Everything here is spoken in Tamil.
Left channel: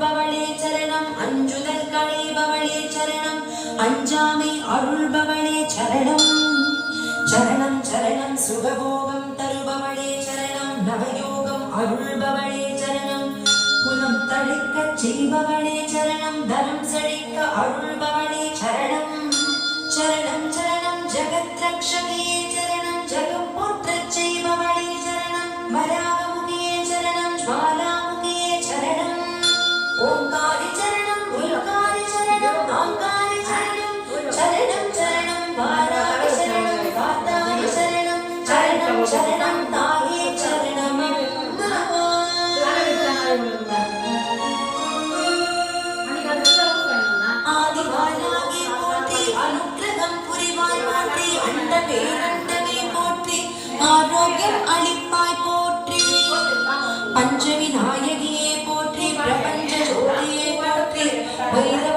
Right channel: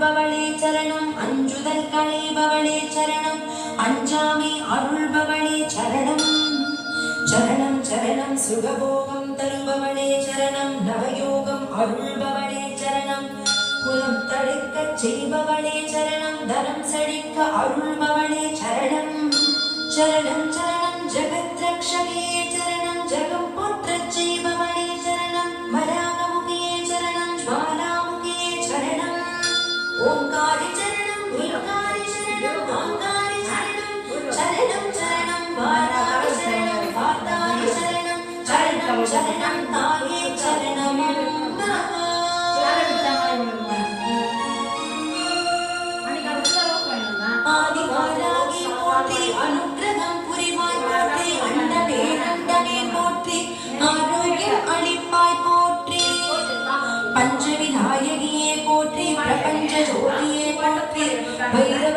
அருள்பவளே சரணம். அஞ்சுதல் களைபவளே சரணம். அஞ்சாமை அருள்பவளே சரணம். சரணம் சரணம். சுகபோகம் தருபவளே சரணம். நவயோகம் அருள்பவளே சரணம். குலம் தழைக்க செய்பவளே சரணம். தனம் செழிக்க அருள்பவளே சரணம். சரணம் சரணம். ஜெகத் ரக்ஷகே சரணம். ஜெகம் புத்திர செய்பவளே சரணம். வராகமுகியே சரணம். ஜுவாலாமுகியே விநாயகியே போற்றி பிரபஞ்ச ஜோதியே போற்றி வைர